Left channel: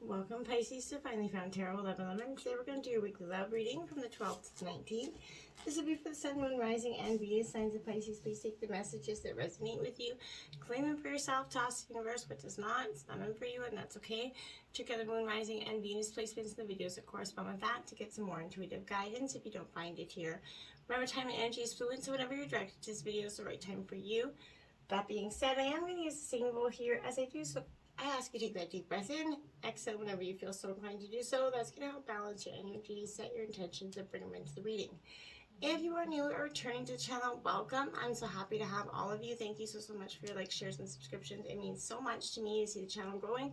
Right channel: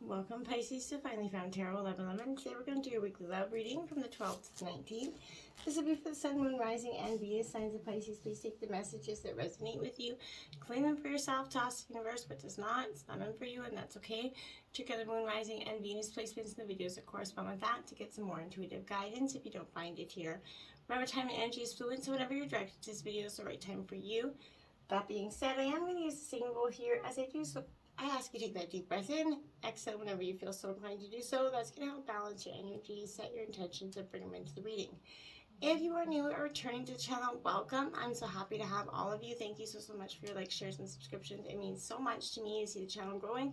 Welcome, Pisces, to Finally Found Tarot 1111. Today we're going to do your weekly love reading from the 12th to 19th. This will be for the Sun, Moon, Rising, and Venus signs of Pisces. Please take the messages that resonate with you, claim them for yourself, toss the universe what does not. It's not meant for you, and that's okay. Check out the Moon, Rising, and Venus placements in the videos that correspond with that to get some more intuitive guidance if you don't find it here. Remember, time and energy is fluid, so whenever you're directed to this video is the right time for you. That being said, I am going to use the same rule here as I do, so I ask you to take that deep breath in, exhale whenever you feel so inclined to do so. That's going to help balance your energy, set your intentions, and bring them into the reading. If you are new or returning to the channel, welcome. I'm so happy to have all of you. Thank you so much for your likes, shares, and subscriptions. It means so much to me to see the channel growing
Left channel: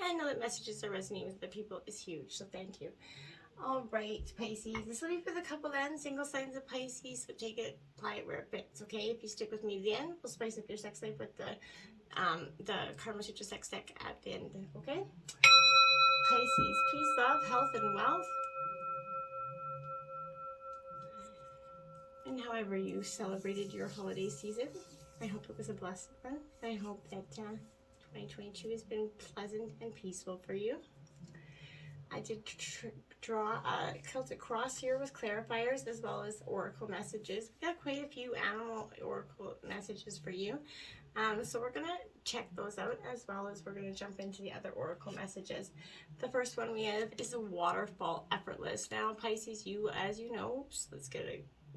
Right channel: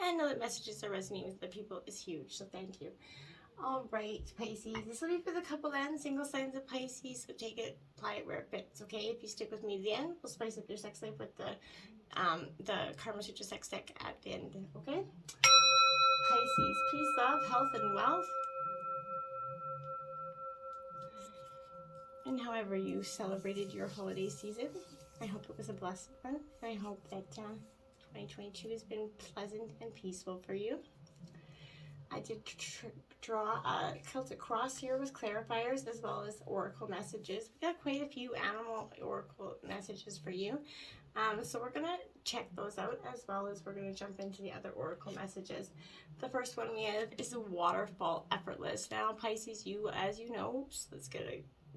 and know that messages that resonate with the people is huge, so thank you. All right, Pisces, this will be for the couple and single signs of Pisces, so take it, apply it where it fits, okay? If you stick with me to the end, we'll spice up your sex life with the Karma Sutra sex deck at the end, okay? Pisces, peace, love, health, and wealth. And however you celebrated your holiday season, I hope it was a blessed one. I hope that 2022 has been pleasant and peaceful for you. I did draw a Celtic cross here with clarifiers as well as oracle messages. We got quite a few animal oracle messages for you. So we're going to check those out as well as we're going to jump into the other oracle messages. The first one we have is a waterfall effortless. Now, Pisces, you, as you know,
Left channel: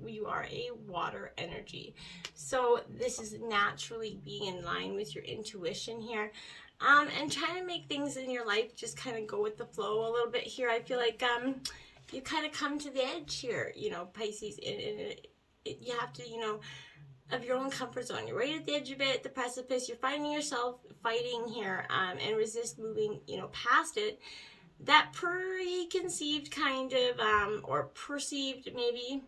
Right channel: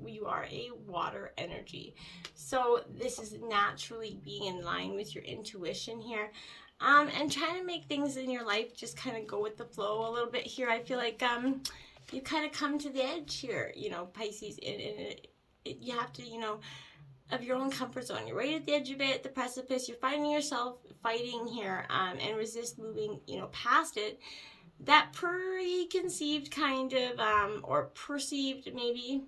you are a water energy. So this is naturally being in line with your intuition here. And trying to make things in your life just kind of go with the flow a little bit here. I feel like you kind of come to the edge here, you know, Pisces. You have to, you know, of your own comfort zone. You're right at the edge of it, the precipice. You're finding yourself fighting here and resist moving, you know, past it. That preconceived kind of, or perceived maybe,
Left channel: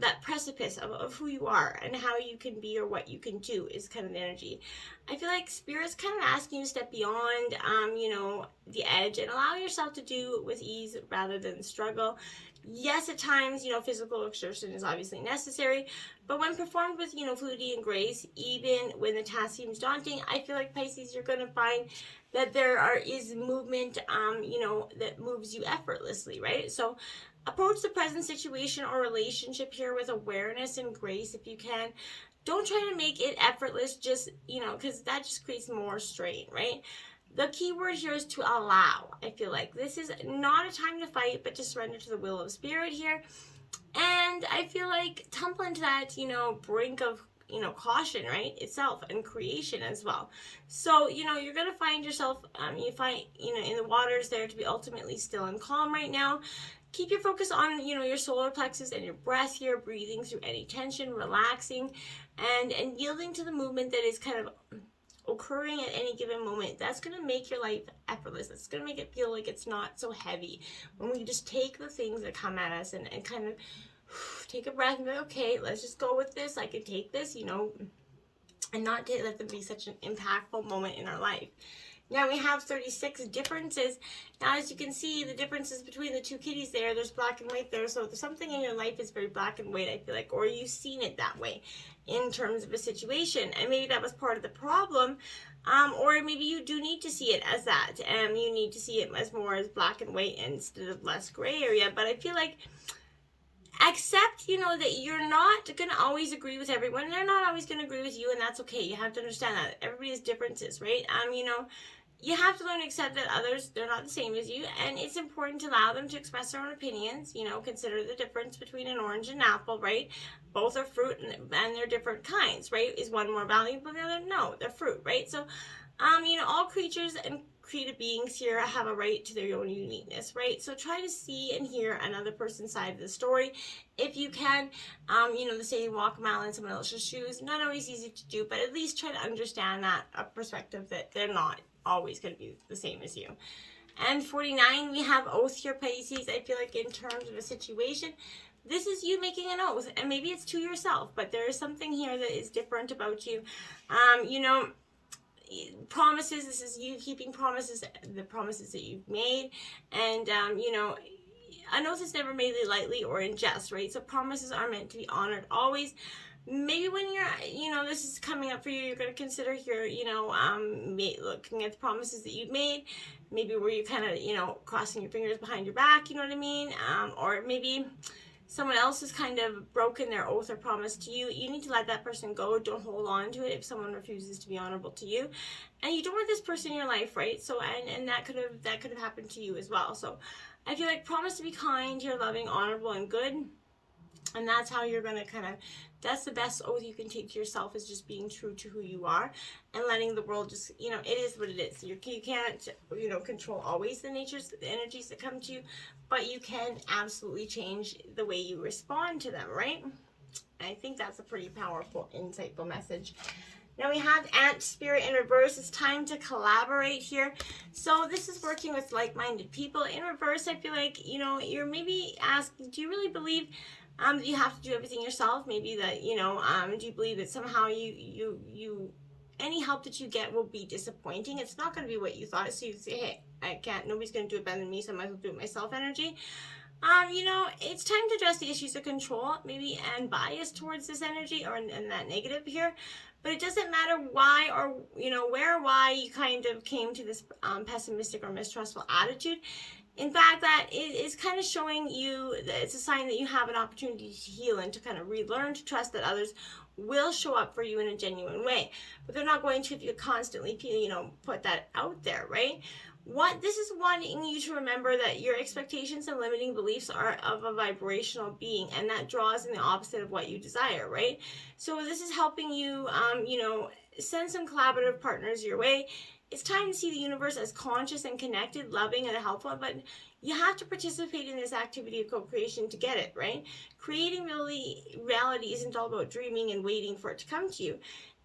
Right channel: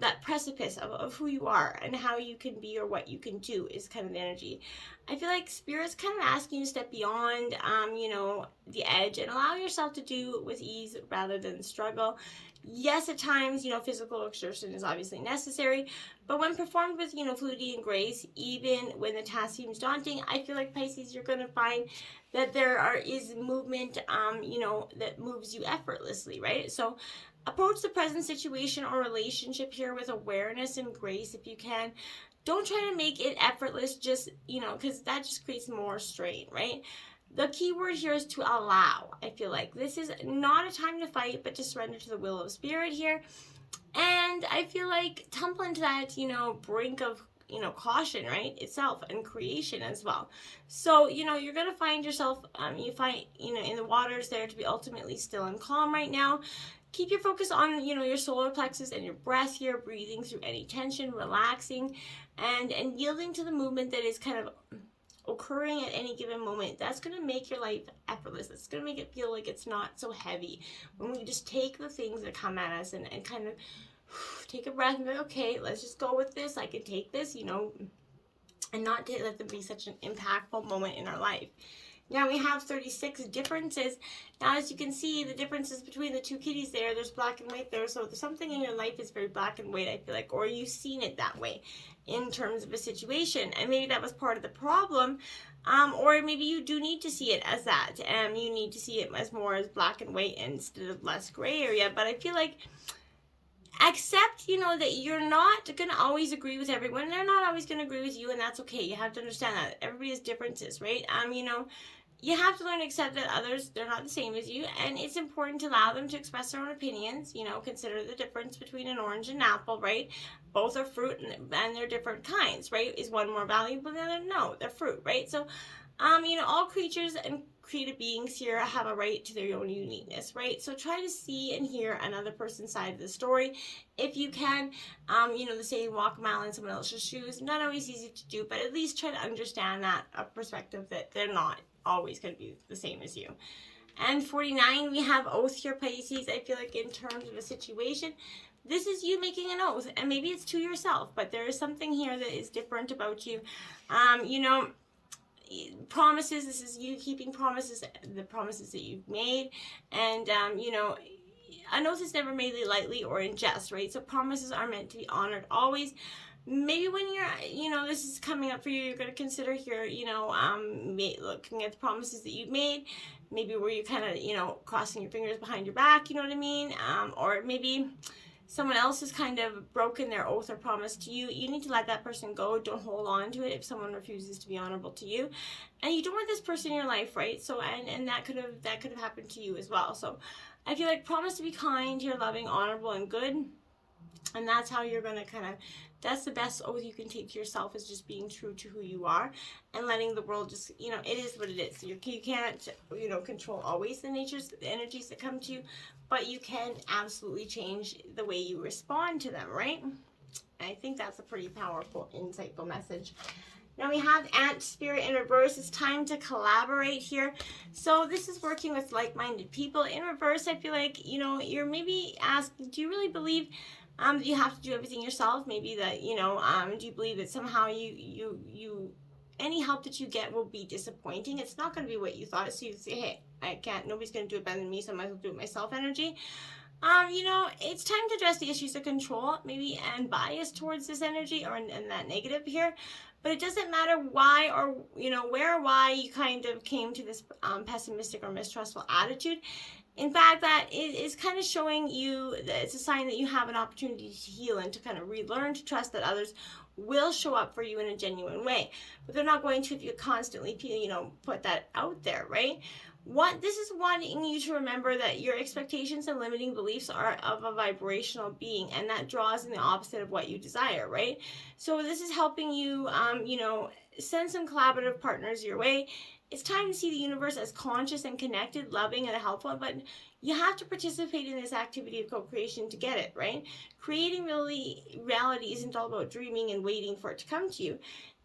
that precipice of who you are and how you can be or what you can do is kind of the energy. I feel like Spirit's kind of asking you to step beyond, you know, the edge and allow yourself to do it with ease rather than struggle. Yes, at times, you know, physical exertion is obviously necessary, but when performed with, you know, fluidity and grace, even when the task seems daunting, I feel like, Pisces, you're going to find that there is movement, you know, that moves you effortlessly, right? So approach the present situation or relationship here with awareness and grace if you can. Don't try to make it effortless, just, you know, because that just creates more strain, right? The key word here is to allow. I feel like this is not a time to fight, but to surrender to the will of Spirit here. And I feel like tumble into that, you know, brink of, you know, caution, right, itself, and creation as well. So, you know, you're going to find yourself, you know, in the waters there to be ultimately still and calm right now. Keep your focus on, you know, your solar plexus and your breath here, breathing through any tension, relaxing, and yielding to the movement that is kind of occurring at any given moment. That's going to make your life effortless. It's going to make it feel like it's not so heavy. When we just take the things that come at us and kind of take a breath and be, okay, let's just go with this. I can take this, you know, and not let them be such an impactful moment in our life. Now we have 36 differences. Now, as you can see, the differences between the two kitties there's black and white there. So something in your life is very black and white, I feel like, or you've seen it that way in terms of a situation. And maybe that was part of the problem. Or maybe you do need to see it as that. And you need to see it as more as black and white instead of less gray area. But I feel like accept, you know, that you're not going to always agree with everyone. They're not always going to agree with you, and that's okay. You have to understand that. Everybody has differences, right? You know, you have to learn to accept that others, they're not the same as you, and it's important to allow them to express their own opinions. You know, consider the difference between an orange and an apple, right? Both are fruit, and they're different kinds, right? Is one more valuable than the other? No, they're fruit, right? So, you know, all creatures and creative beings here have a right to their own uniqueness, right? So try to see and hear another person's side of the story if you can. You know, the saying, walk a mile in someone else's shoes, not always easy to do, but at least try to understand that perspective that they're not always going to be the same as you. And 49, we have oath here, Pisces. I feel like in terms of a situation, this is you making an oath, and maybe it's to yourself, but there is something here that is different about you. You know, promises, this is you keeping promises, the promises that you've made, and you know, an oath is never made lightly or in jest, right? So promises are meant to be honored always. maybe when you're, this is coming up for you, you're going to consider here, looking at the promises that you've made, maybe where you kind of, crossing your fingers behind your back, you know what I mean? Or maybe someone else has kind of broken their oath or promise to you. You need to let that person go. Don't hold on to it if someone refuses to be honorable to you. And you don't want this person in your life, right? So, and that could have happened to you as well. So I feel like promise to be kind, you're loving, honorable, and good. And that's how you're going to that's the best oath you can take to yourself, is just being true to who you are and letting the world just, it is what it is. You can't, control always the energies that come to you, but you can absolutely change the way you respond to them, right? I think that's a pretty powerful, insightful message. Now we have Ant Spirit in reverse. It's time to collaborate here. So this is working with like-minded people. In reverse, I feel like, you're maybe asking, do you really believe that you have to do everything yourself? Maybe that, do you believe that somehow you any help that you get will be disappointing? It's not going to be what you thought. So you say, hey, I can't, nobody's going to do it better than me, so I might as well do it myself energy. It's time to address the issues of control, maybe, and bias towards this energy, or and that negative here. But it doesn't matter why, or, where or why you kind of came to this pessimistic or mistrustful attitude. In fact, that is kind of showing you that it's a sign that you have an opportunity to heal and to kind of relearn to trust that others will show up for you in a genuine way. But they're not going to if you constantly, put that out there, right? This is wanting you to remember that your expectations and limiting beliefs are of a vibrational being, and that draws in the opposite of what you desire, right? So this is helping you, send some collaborative partners your way. It's time to see the universe as conscious and connected, loving, and helpful, but you have to participate in this activity of co-creation to get it, right? Creating reality isn't all about dreaming and waiting for it to come to you.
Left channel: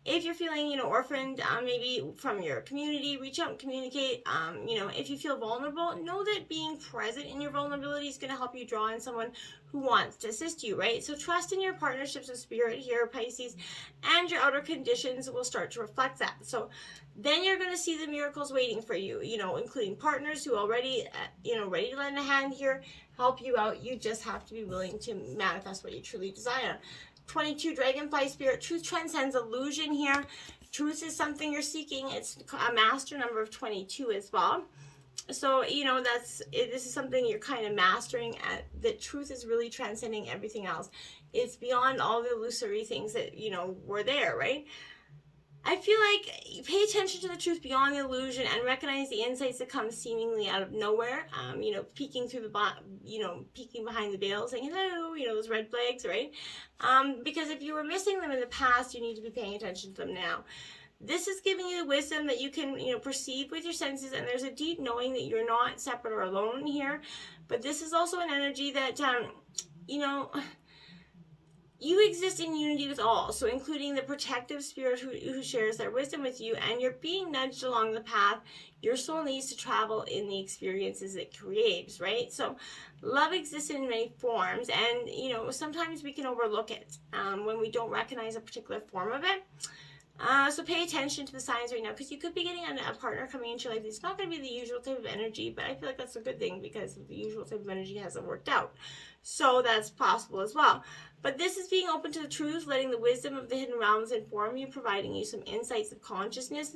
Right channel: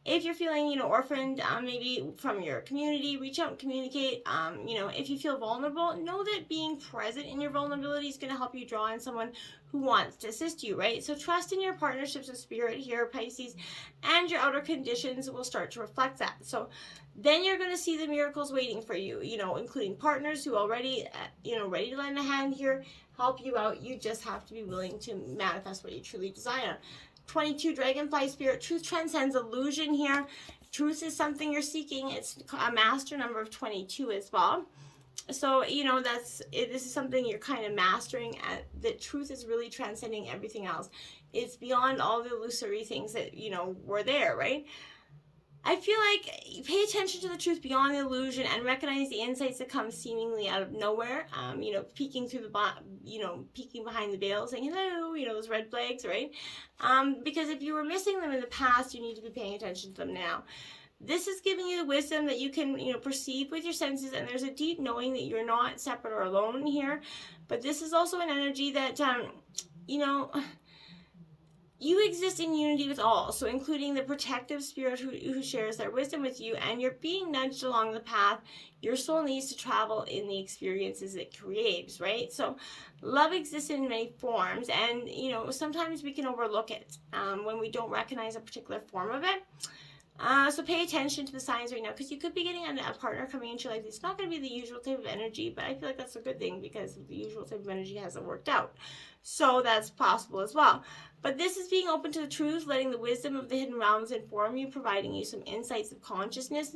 If you're feeling, orphaned, maybe from your community, reach out and communicate. If you feel vulnerable, know that being present in your vulnerability is going to help you draw in someone who wants to assist you, right? So trust in your partnerships with spirit here, Pisces, and your outer conditions will start to reflect that. So then you're going to see the miracles waiting for you, including partners who already, ready to lend a hand here, help you out. You just have to be willing to manifest what you truly desire. 22, Dragonfly Spirit. Truth transcends illusion here. Truth is something you're seeking. It's a master number of 22 as well. So, this is something you're kind of mastering. That truth is really transcending everything else. It's beyond all the illusory things that, were there, right? I feel like pay attention to the truth beyond the illusion and recognize the insights that come seemingly out of nowhere. Peeking through peeking behind the veil, saying hello, those red flags, right? Because if you were missing them in the past, you need to be paying attention to them now. This is giving you the wisdom that you can, perceive with your senses, and there's a deep knowing that you're not separate or alone here. But this is also an energy that, you exist in unity with all, so including the protective spirit who shares their wisdom with you, and you're being nudged along the path your soul needs to travel in the experiences it creates, right? So love exists in many forms, and, sometimes we can overlook it when we don't recognize a particular form of it. So pay attention to the signs right now, because you could be getting a partner coming into your life. It's not going to be the usual type of energy, but I feel like that's a good thing, because the usual type of energy hasn't worked out. So that's possible as well. But this is being open to the truth, letting the wisdom of the hidden realms inform you, providing you some insights of consciousness.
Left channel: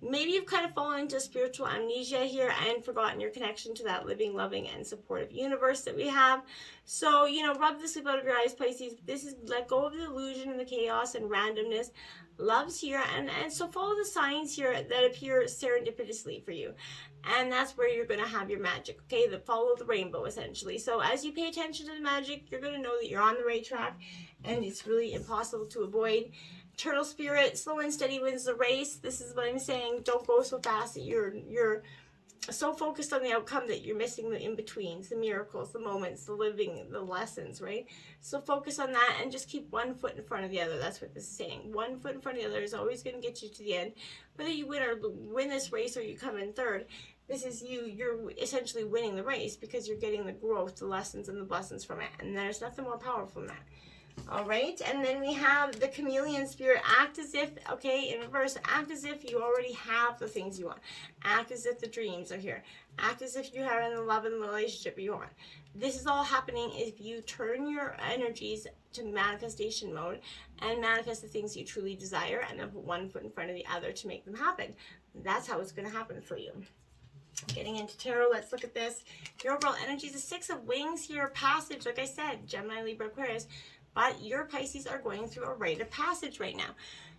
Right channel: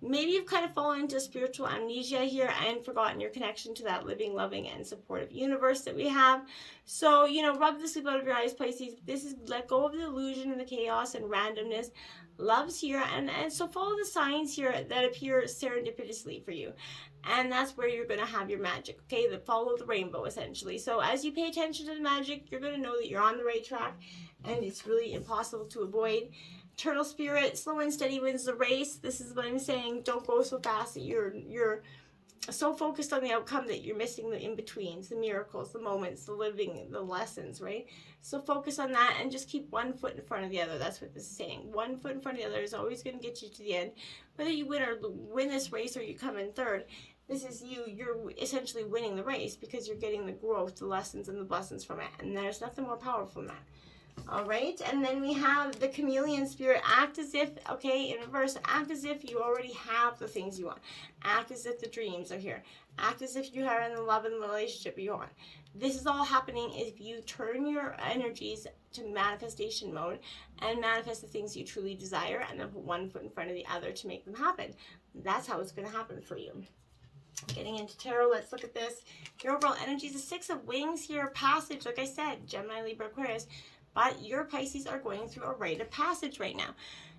Maybe you've kind of fallen into spiritual amnesia here and forgotten your connection to that living, loving, and supportive universe that we have. So, rub the sleep out of your eyes, Pisces. This is let go of the illusion and the chaos and randomness. Love's here, and so follow the signs here that appear serendipitously for you. And that's where you're going to have your magic, okay? Follow the rainbow, essentially. So as you pay attention to the magic, you're going to know that you're on the right track, and it's really impossible to avoid. Turtle Spirit, slow and steady wins the race. This is what I'm saying. Don't go so fast that you're so focused on the outcome that you're missing the in-betweens, the miracles, the moments, the living, the lessons, right? So focus on that and just keep one foot in front of the other. That's what this is saying. One foot in front of the other is always going to get you to the end. Whether you win this race or you come in third, this is you're essentially winning the race, because you're getting the growth, the lessons, and the blessings from it. And there's nothing more powerful than that. All right, and then we have the chameleon spirit. Act as if, okay, in reverse, act as if you already have the things you want. Act as if the dreams are here. Act as if you are in the love and the relationship you want. This is all happening if you turn your energies to manifestation mode and manifest the things you truly desire, and then put one foot in front of the other to make them happen. That's how it's going to happen for you. Getting into tarot, let's look at this. Your overall energy is a 6 of wings here, passage, like I said, Gemini, Libra, Aquarius. But your Pisces are going through a rite of passage right now.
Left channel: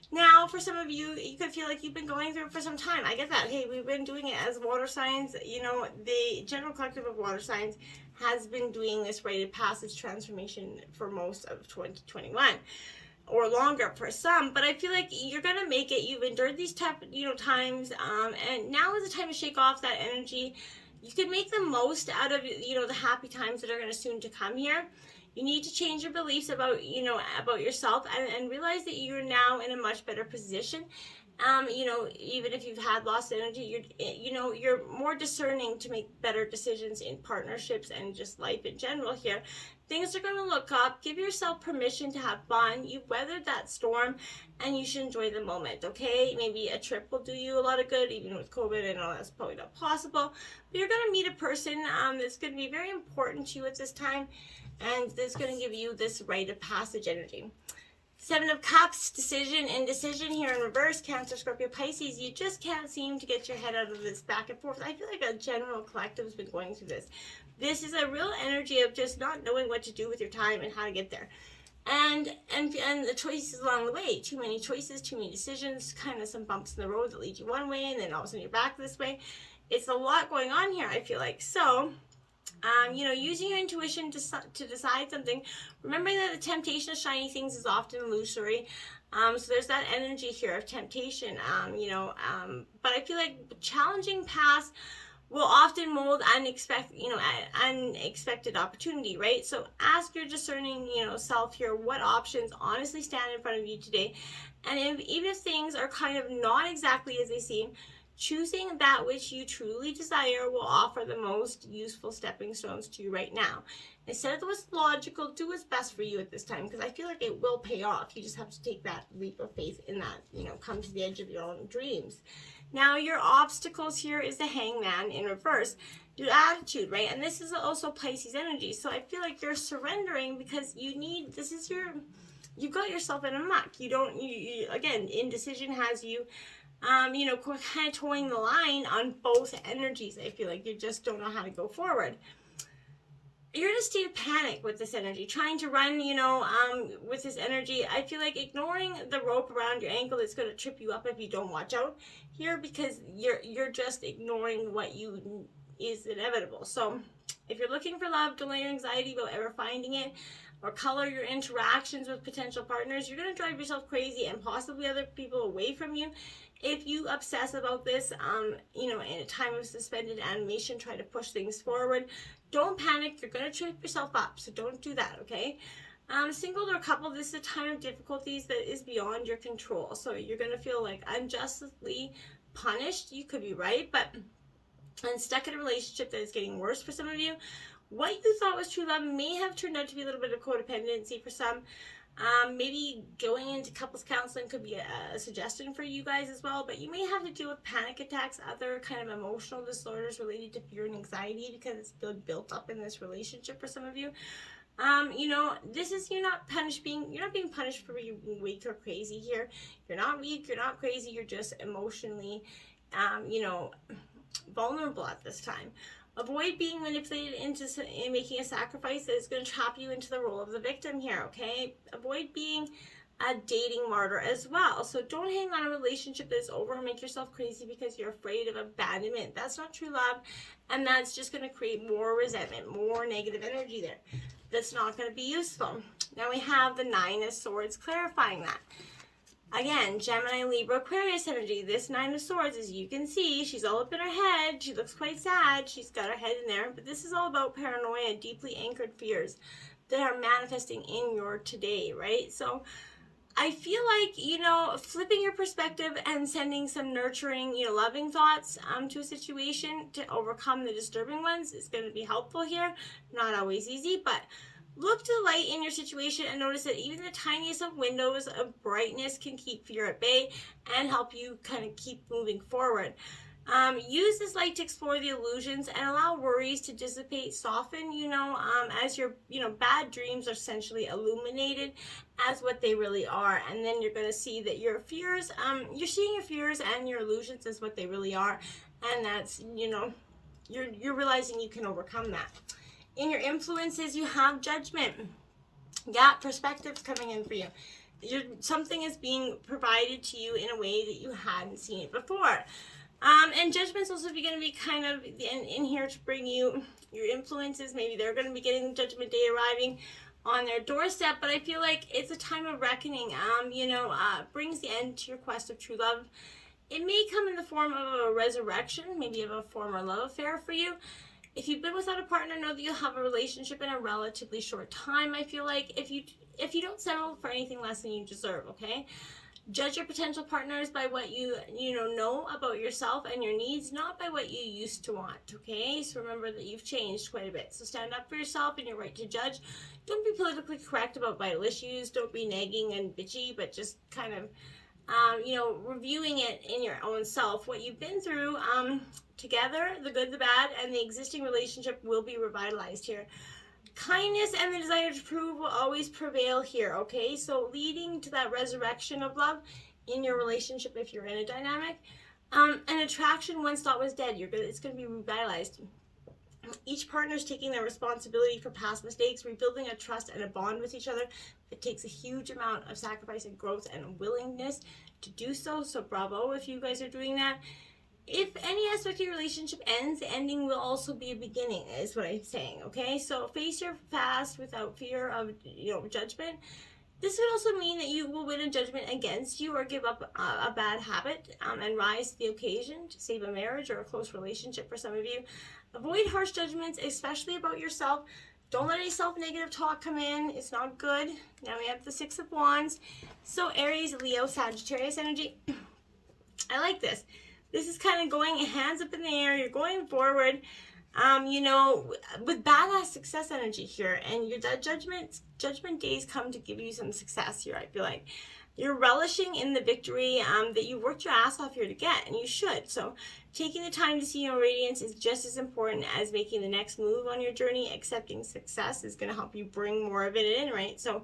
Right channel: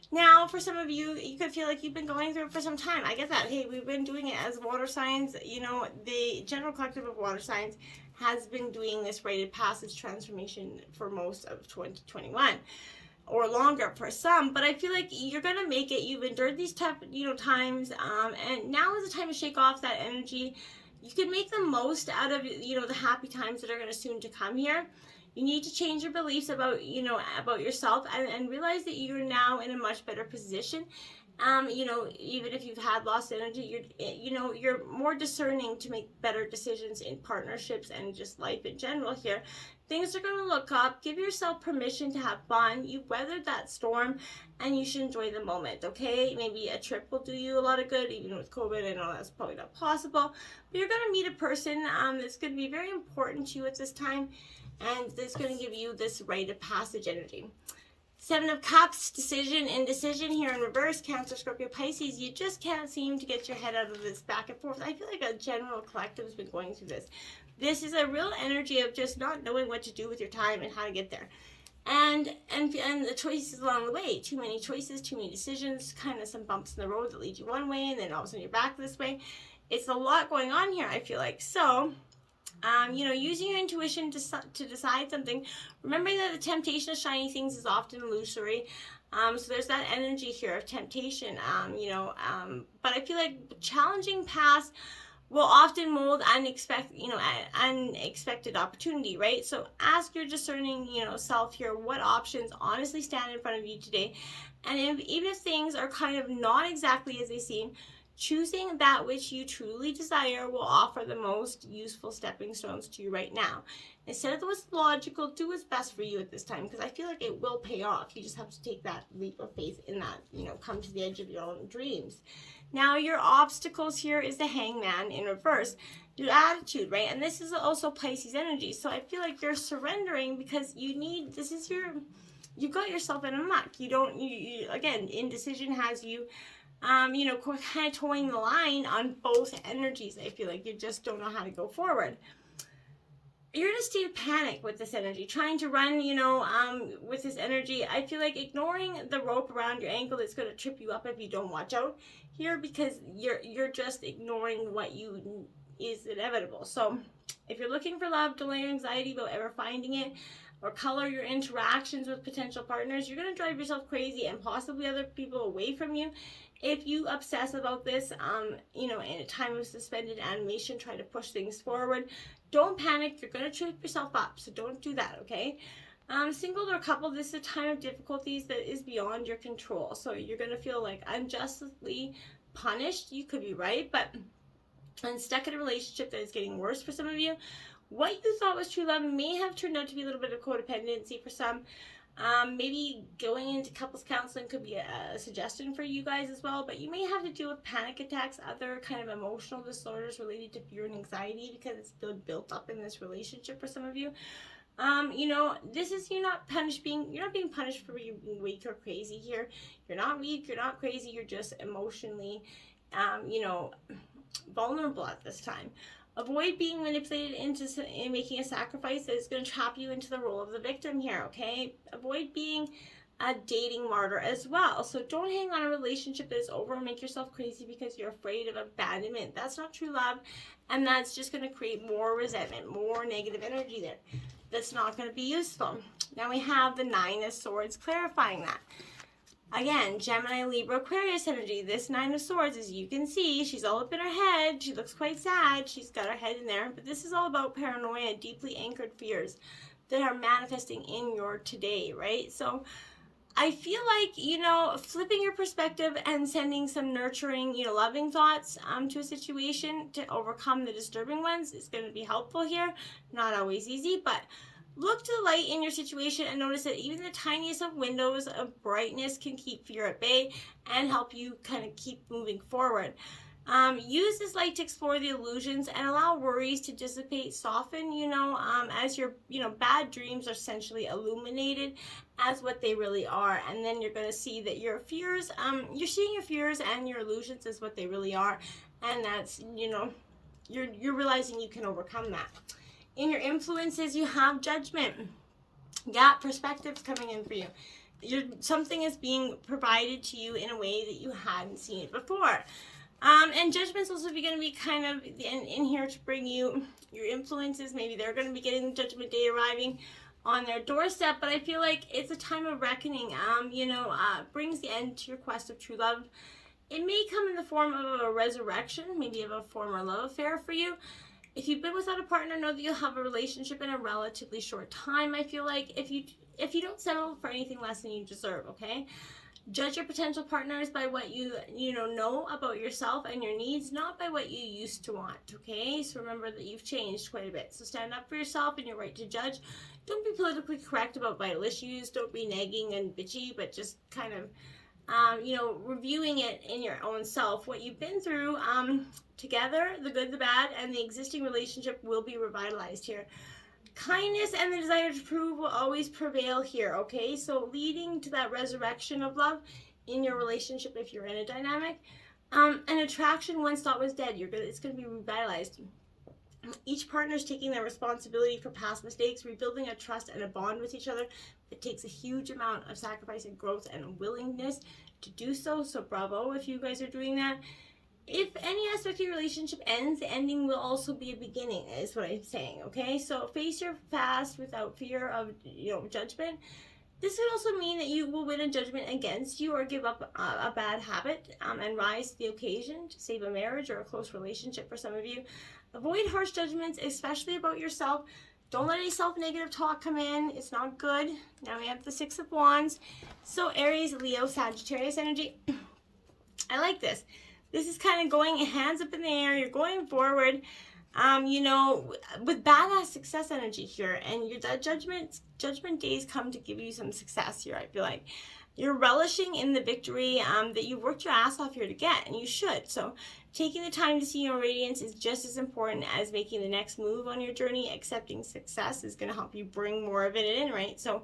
Now, for some of you, you could feel like you've been going through it for some time. I get that. Hey, we've been doing it as water signs. You know, the general collective of water signs has been doing this rite of passage transformation for most of 2021. Or longer for some, but I feel like you're gonna make it. You've endured these tough, times, and now is the time to shake off that energy. You can make the most out of, the happy times that are gonna soon to come here. You need to change your beliefs about, about yourself, and realize that you're now in a much better position. Even if you've had lost energy, you're more discerning to make better decisions in partnerships and just life in general here. Things are going to look up. Give yourself permission to have fun. You've weathered that storm, and you should enjoy the moment, okay? Maybe a trip will do you a lot of good, even with COVID. I know that's probably not possible. But you're going to meet a person that's going to be very important to you at this time, and that's going to give you this rite of passage energy. 7 of Cups, decision, indecision here in reverse, Cancer, Scorpio, Pisces. You just can't seem to get your head out of this back and forth. I feel like a general collective has been going through this. This is a real energy of just not knowing what to do with your time and how to get there. And the choices along the way. Too many choices, too many decisions, kind of some bumps in the road that lead you one way, and then all of a sudden you're back this way. It's a lot going on here, I feel like. So, using your intuition to decide something. Remembering that the temptation of shiny things is often illusory. So there's that energy here of temptation, but I feel like challenging paths will often mold unexpected opportunity, right? So ask your discerning, self here, what options honestly stand in front of you today. And even if things are kind of not exactly as they seem, choosing that which you truly desire will offer the most useful stepping stones to you right now. Instead of what's logical, do what's best for you at this time, because I feel like it will pay off. You just have to take that leap of faith in that, come to the edge of your own dreams. Now, your obstacles here is the Hangman in reverse. Your attitude, right? And this is also Pisces energy. So I feel like you're surrendering because you got yourself in a muck. Again, indecision has you, kind of towing the line on both energies. I feel like you just don't know how to go forward. You're in a state of panic with this energy, trying to run, with this energy. I feel like ignoring the rope around your ankle is going to trip you up if you don't watch out here, because you're just ignoring what is inevitable. So if you're looking for love, delay your anxiety about ever finding it, or color your interactions with potential partners, you're going to drive yourself crazy and possibly other people away from you. If you obsess about this, in a time of suspended animation, try to push things forward. Don't panic. You're going to trip yourself up, so don't do that, okay? Single or couple, this is a time of difficulties that is beyond your control. So you're going to feel like unjustly punished. You could be right, and stuck in a relationship that is getting worse for some of you. What you thought was true love may have turned out to be a little bit of codependency for some. Maybe going into couples counseling could be a suggestion for you guys as well, but you may have to deal with panic attacks, other kind of emotional disorders related to fear and anxiety, because it's been built up in this relationship for some of you. This is you're not being punished for being weak or crazy here. You're not weak, you're not crazy, you're just emotionally, vulnerable at this time. Avoid being manipulated into making a sacrifice that is going to trap you into the role of the victim here, okay? Avoid being a dating martyr as well. So don't hang on a relationship that is over and make yourself crazy because you're afraid of abandonment. That's not true love, and that's just going to create more resentment, more negative energy there. That's not going to be useful. Now we have the 9 of Swords clarifying that. Again, Gemini, Libra, Aquarius energy. This 9 of Swords, as you can see, she's all up in her head. She looks quite sad. She's got her head in there. But this is all about paranoia, deeply anchored fears that are manifesting in your today, right? So I feel like, flipping your perspective and sending some nurturing, loving thoughts to a situation to overcome the disturbing ones is going to be helpful here. Not always easy, but Look to the light in your situation and notice that even the tiniest of windows of brightness can keep fear at bay and help you kind of keep moving forward. Use this light to explore the illusions and allow worries to dissipate, soften, as your, bad dreams are essentially illuminated as what they really are. And then you're going to see that your fears, you're seeing your fears and your illusions as what they really are. And that's, you're realizing you can overcome that. In your influences, you have Judgment. Yeah, perspectives coming in for you. Something is being provided to you in a way that you hadn't seen it before. And Judgment's also going to be kind of in here to bring you your influences. Maybe they're going to be getting Judgment Day arriving on their doorstep, but I feel like it's a time of reckoning. Brings the end to your quest of true love. It may come in the form of a resurrection, maybe of a former love affair for you. If you've been without a partner, know that you'll have a relationship in a relatively short time. I feel like if you don't settle for anything less than you deserve, okay? Judge your potential partners by what you know about yourself and your needs, not by what you used to want, okay? So remember that you've changed quite a bit. So stand up for yourself and your right to judge. Don't be politically correct about vital issues. Don't be nagging and bitchy, but just kind of, reviewing it in your own self. What you've been through together, the good, the bad, and the existing relationship will be revitalized here. Kindness and the desire to prove will always prevail here, okay? So leading to that resurrection of love in your relationship if you're in a dynamic. An attraction once thought was dead, it's going to be revitalized. Each partner is taking their responsibility for past mistakes, rebuilding a trust and a bond with each other. It takes a huge amount of sacrifice and growth and willingness to do so. So bravo if you guys are doing that. If any aspect of your relationship ends, the ending will also be a beginning, is what I'm saying, okay? So face your past without fear of, judgment. This could also mean that you will win a judgment against you or give up a bad habit and rise to the occasion to save a marriage or a close relationship for some of you. Avoid harsh judgments, especially about yourself. Don't let any self-negative talk come in. It's not good. Now we have the Six of Wands. So Aries, Leo, Sagittarius energy. I like this. This is kind of going hands up in the air. You're going forward, with badass success energy here. And your judgment days come to give you some success here, I feel like. You're relishing in the victory that you worked your ass off here to get, and you should. So taking the time to see your radiance is just as important as making the next move on your journey. Accepting success is going to help you bring more of it in, right? So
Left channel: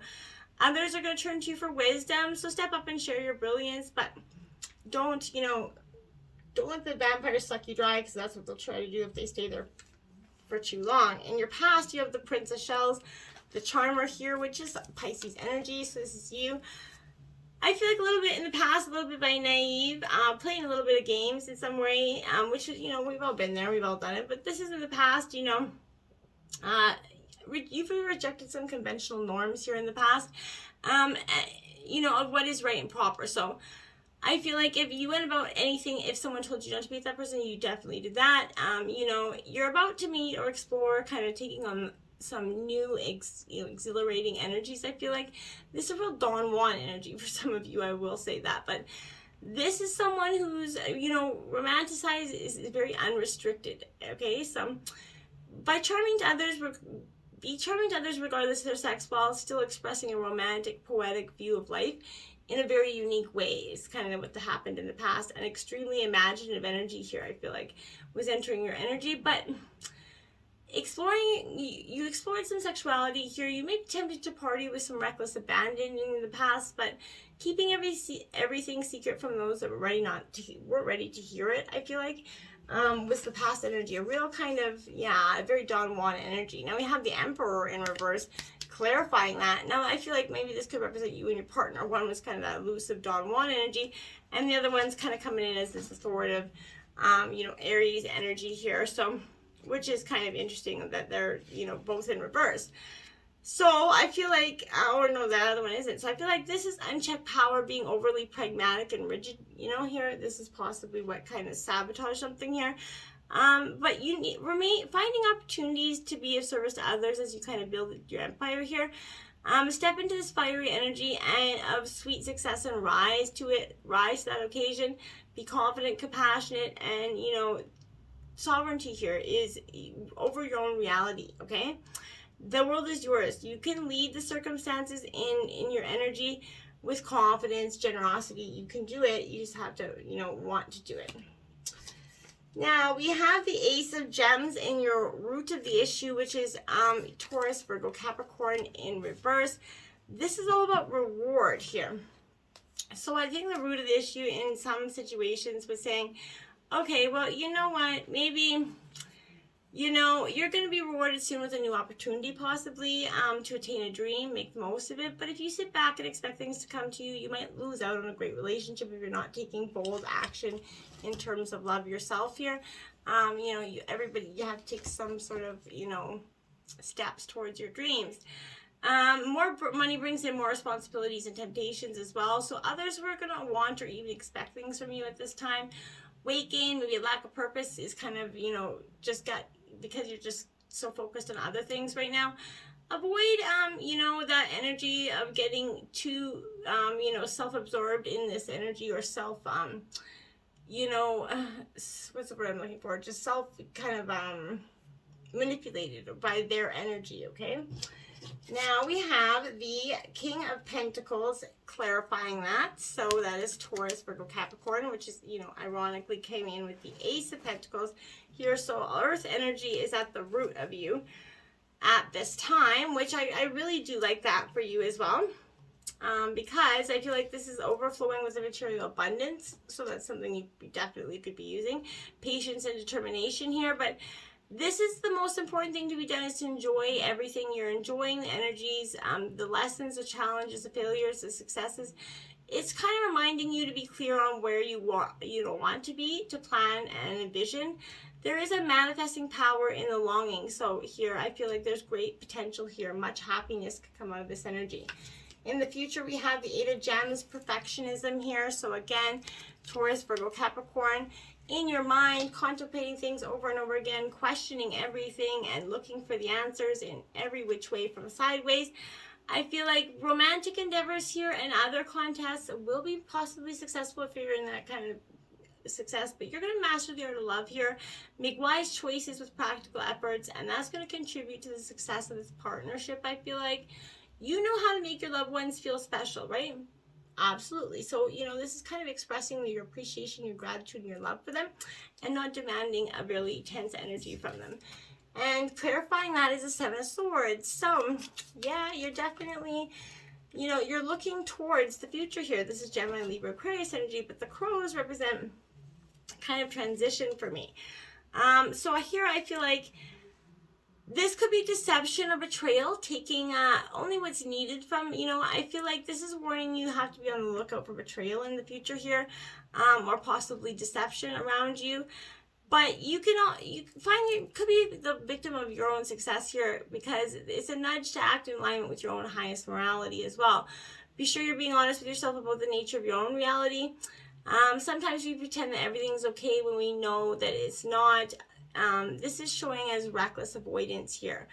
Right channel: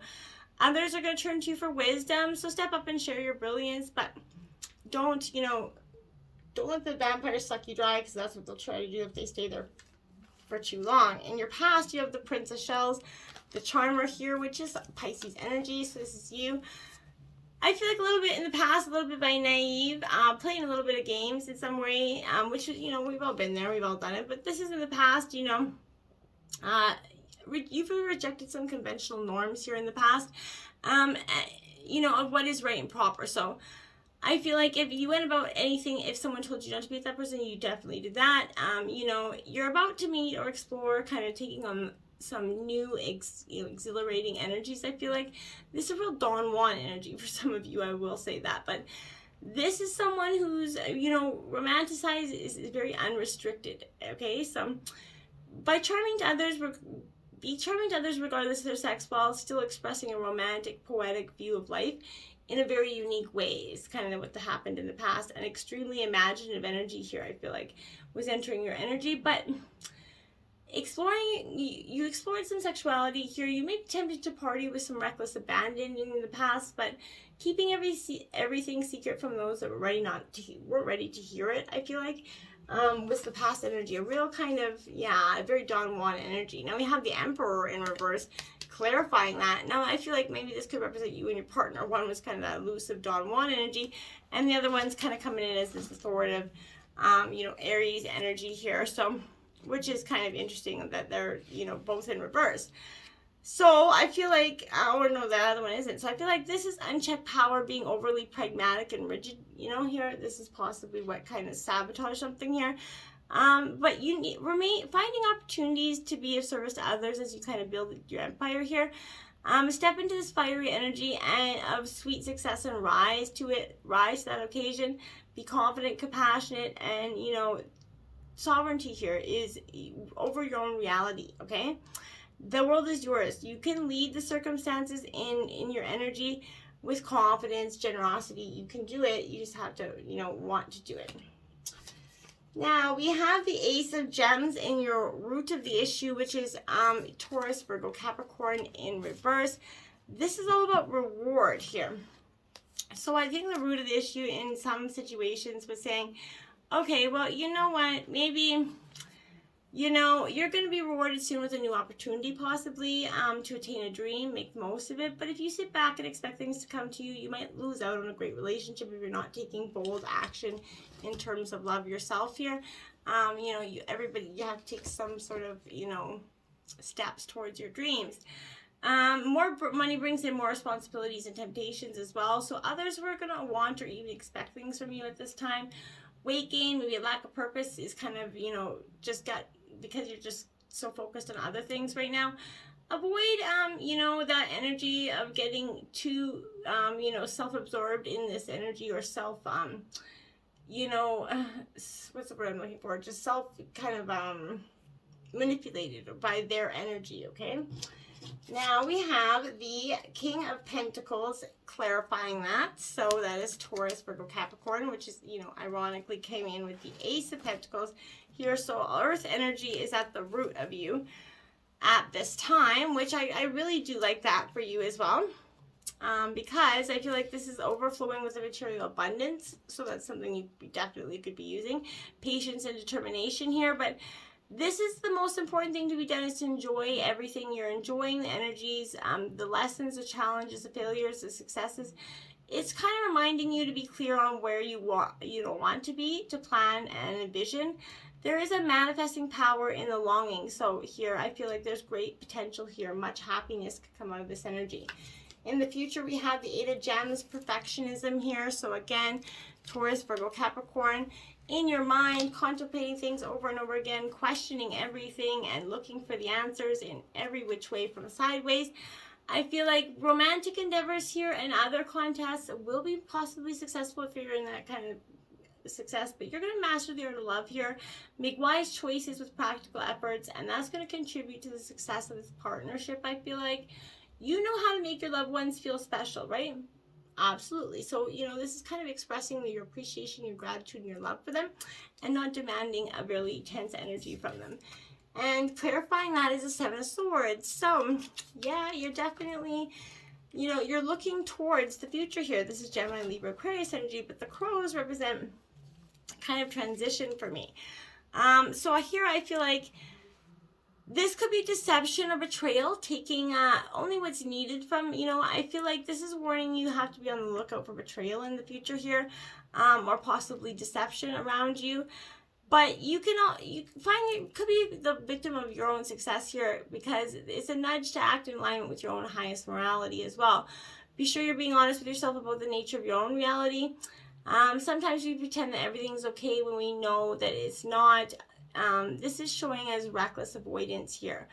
others are going to turn to you for wisdom. So step up and share your brilliance, but don't let the vampires suck you dry, because that's what they'll try to do if they stay there for too long. In your past, you have the Prince of Shells, the Charmer here, which is Pisces energy. So this is you. I feel like a little bit in the past, a little bit by naive, playing a little bit of games in some way, which is, we've all been there, we've all done it. But this is in the past, you've rejected some conventional norms here in the past, of what is right and proper. So I feel like if you went about anything, if someone told you not to be with that person, you definitely did that. You're about to meet or explore, kind of taking on some new exhilarating energies. I feel like this is a real Don Juan energy for some of you, I will say that. But this is someone who's, romanticized, is very unrestricted, okay? So by charming to others, be charming to others regardless of their sex, while still expressing a romantic, poetic view of life in a very unique way is kind of what happened in the past. An extremely imaginative energy here, I feel like, was entering your energy. But you explored some sexuality here. You may be tempted to party with some reckless abandon in the past, but keeping everything secret from those that weren't ready to hear it, I feel like, was the past energy. A real kind of, a very Don Juan energy. Now we have the Emperor in reverse, clarifying that. Now I feel like maybe this could represent you and your partner. One was kind of that elusive Don Juan energy, and the other one's kind of coming in as this authoritative, Aries energy here. So, which is kind of interesting that they're, both in reverse. So I feel like, no, the other one isn't. So I feel like this is unchecked power being overly pragmatic and rigid, here. This is possibly what kind of sabotage something here. But you finding opportunities to be of service to others as you kind of build your empire here. Step into this fiery energy and of sweet success and rise to that occasion. Be confident, compassionate, and, sovereignty here is over your own reality, okay? The world is yours. You can lead the circumstances in your energy with confidence, generosity. You can do it. You just have to, want to do it. Now, we have the Ace of Gems in your root of the issue, which is Taurus, Virgo, Capricorn in reverse. This is all about reward here. So I think the root of the issue in some situations was saying, okay, well, you know what, maybe, you're going to be rewarded soon with a new opportunity, possibly, to attain a dream, make the most of it. But if you sit back and expect things to come to you, you might lose out on a great relationship if you're not taking bold action in terms of love yourself here. You have to take some sort of, steps towards your dreams. More money brings in more responsibilities and temptations as well. So others who are going to want or even expect things from you at this time. Weight gain, maybe a lack of purpose is kind of, because you're just so focused on other things right now. Avoid, that energy of getting too, self-absorbed in this energy, or self, what's the word I'm looking for? Just self kind of manipulated by their energy, okay? Now we have the King of Pentacles clarifying that. So that is Taurus, Virgo, Capricorn, which is, ironically came in with the Ace of Pentacles here. So Earth energy is at the root of you at this time, which I really do like that for you as well. Because I feel like this is overflowing with a material abundance. So that's something you definitely could be using. Patience and determination here. But this is the most important thing to be done, is to enjoy everything. You're enjoying the energies, the lessons, the challenges, the failures, the successes. It's kind of reminding you to be clear on where you want to be, to plan and envision. There is a manifesting power in the longing. So here, I feel like there's great potential here. Much happiness could come out of this energy. In the future, we have the Eight of Gems, perfectionism here. So again, Taurus, Virgo, Capricorn. In your mind, contemplating things over and over again, questioning everything and looking for the answers in every which way from sideways. I feel like romantic endeavors here and other contests will be possibly successful if you're in that kind of success, but you're going to master the art of love here. Make wise choices with practical efforts, and that's going to contribute to the success of this partnership. I feel like you know how to make your loved ones feel special, right? Absolutely. So, this is kind of expressing your appreciation, your gratitude, and your love for them, and not demanding a really tense energy from them. And clarifying that is a Seven of Swords. So, yeah, you're definitely, you're looking towards the future here. This is Gemini, Libra, Aquarius energy, but the crows represent kind of transition for me. So here I feel like this could be deception or betrayal, taking only what's needed from, I feel like this is warning you have to be on the lookout for betrayal in the future here, or possibly deception around you. But you could be the victim of your own success here, because it's a nudge to act in alignment with your own highest morality as well. Be sure you're being honest with yourself about the nature of your own reality. Sometimes we pretend that everything's okay when we know that it's not. This is showing as reckless avoidance here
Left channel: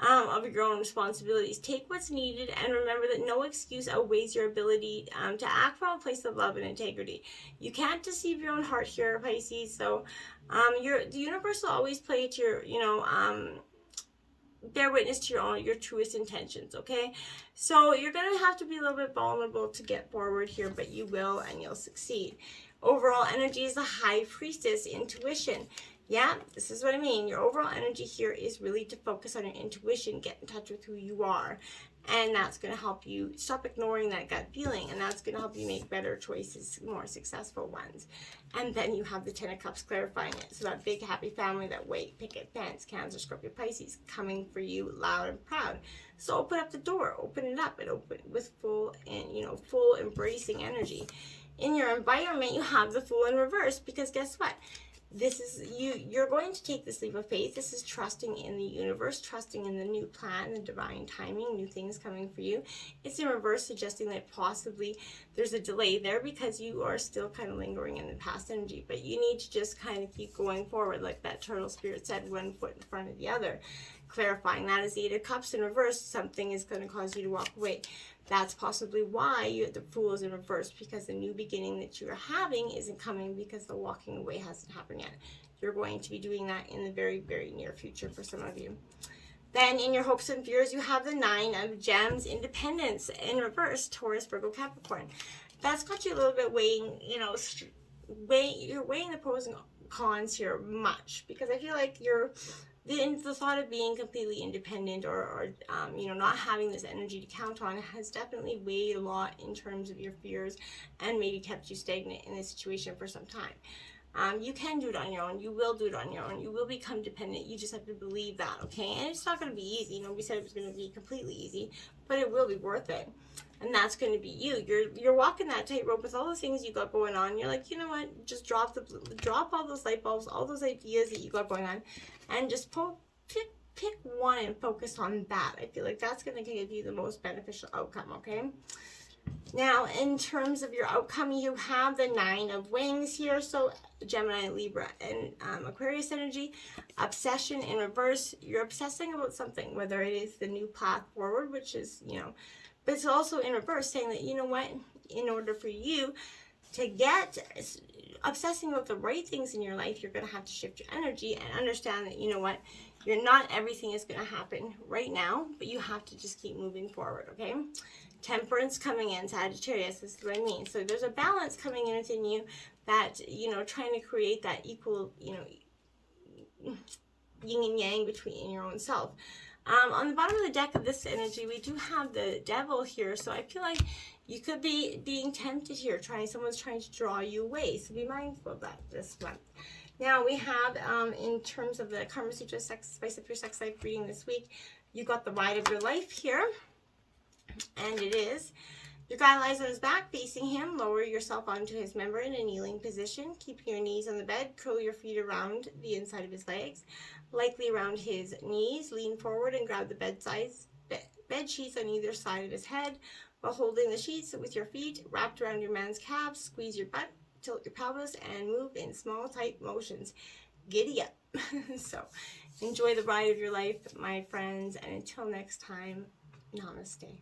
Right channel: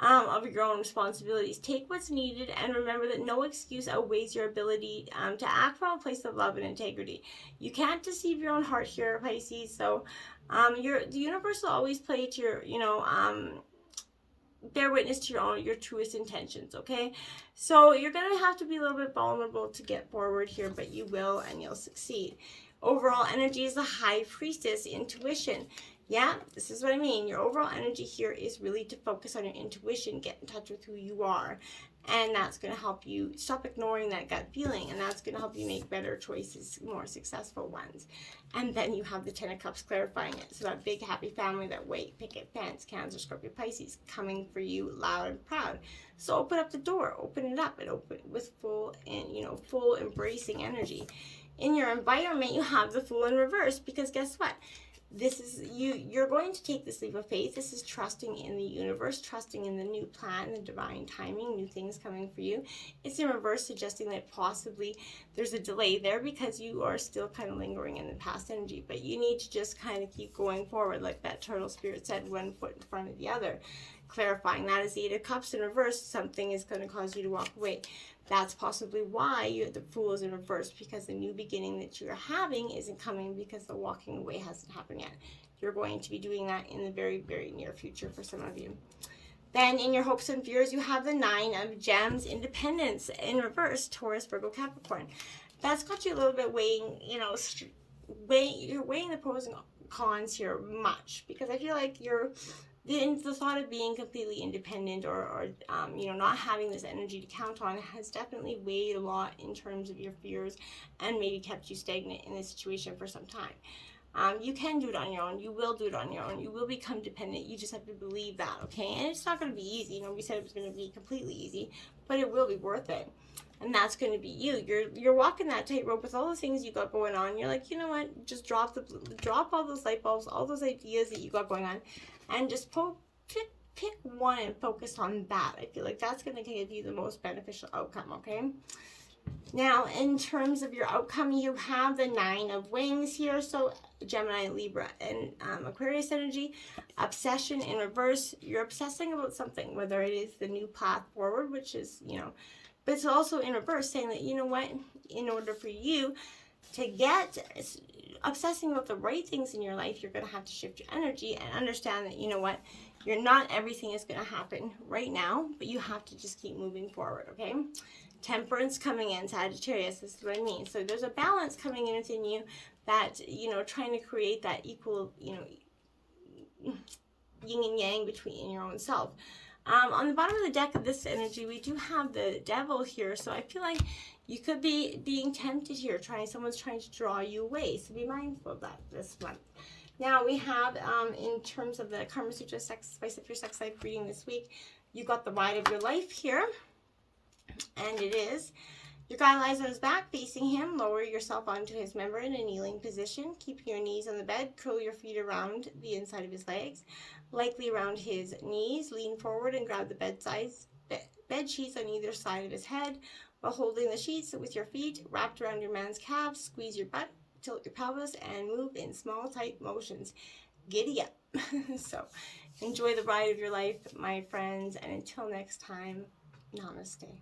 of your own responsibilities. Take what's needed, and remember that no excuse outweighs your ability to act from a place of love and integrity. You can't deceive your own heart here, Pisces. So the universe will always play to your, bear witness to your truest intentions, okay? So you're going to have to be a little bit vulnerable to get forward here, but you will, and you'll succeed. Overall energy is a High Priestess, intuition. Yeah, this is what I mean. Your overall energy here is really to focus on your intuition, get in touch with who you are. And that's going to help you stop ignoring that gut feeling. And that's going to help you make better choices, more successful ones. And then you have the Ten of Cups clarifying it. So that big happy family, that white picket fence, Cancer, Scorpio, Pisces, coming for you loud and proud. So open up the door, open it up, and open it with full embracing energy. In your environment, you have the Fool in reverse, because guess what? This is you're going to take this leap of faith. This is trusting in the universe, trusting in the new plan, the divine timing, new things coming for you. It's in reverse, suggesting that possibly there's a delay there because you are still kind of lingering in the past energy. But you need to just kind of keep going forward, like that turtle spirit said, one foot in front of the other. Clarifying that is the Eight of Cups in reverse. Something is going to cause you to walk away. That's possibly why the Fool is in reverse, because the new beginning that you are having isn't coming because the walking away hasn't happened yet. You're going to be doing that in the very, very near future for some of you. Then in your hopes and fears, you have the 9 of Gems, Independence in reverse, Taurus, Virgo, Capricorn. That's got you a little bit weighing, you know, you're weighing the pros and cons here much, because I feel like the thought of being completely independent or you know, not having this energy to count on has definitely weighed a lot in terms of your fears and maybe kept you stagnant in this situation for some time. You can do it on your own. You will do it on your own. You will become dependent. You just have to believe that, okay? And it's not going to be easy. You know, we said it was going to be completely easy, but it will be worth it. And that's going to be you. You're walking that tightrope with all the things you got going on. You're like, you know what? Just drop all those light bulbs, all those ideas that you got going on, and just pick one and focus on that. I feel like that's going to give you the most beneficial outcome, okay? Now, in terms of your outcome, you have the 9 of Wands here. So Gemini, Libra, and Aquarius energy. Obsession in reverse. You're obsessing about something, whether it is the new path forward, which is, you know, but it's also in reverse, saying that, you know what, in order for you to get obsessing about the right things in your life, you're going to have to shift your energy and understand that, you know what, not everything is going to happen right now, but you have to just keep moving forward, okay? Temperance coming in, Sagittarius, this is what I mean. So there's a balance coming in within you that, you know, trying to create that equal, you know, yin and yang between your own self. On the bottom of the deck of this energy, we do have the Devil here. So I feel like you could be being tempted here, someone's trying to draw you away. So be mindful of that this month. Now we have, in terms of the Karma Sutra Spice Up Your Sex Life reading this week, you got the Ride of Your Life here. And it is, your guy lies on his back facing him. Lower yourself onto his member in a kneeling position. Keep your knees on the bed. Curl your feet around the inside of his legs, likely around his knees. Lean forward and grab the bed sheets on either side of his head while holding the sheets with your feet wrapped around your man's calves. Squeeze your butt, tilt your pelvis, and move in small, tight motions. Giddy up. So enjoy the ride of your life, my friends, and until next time, namaste.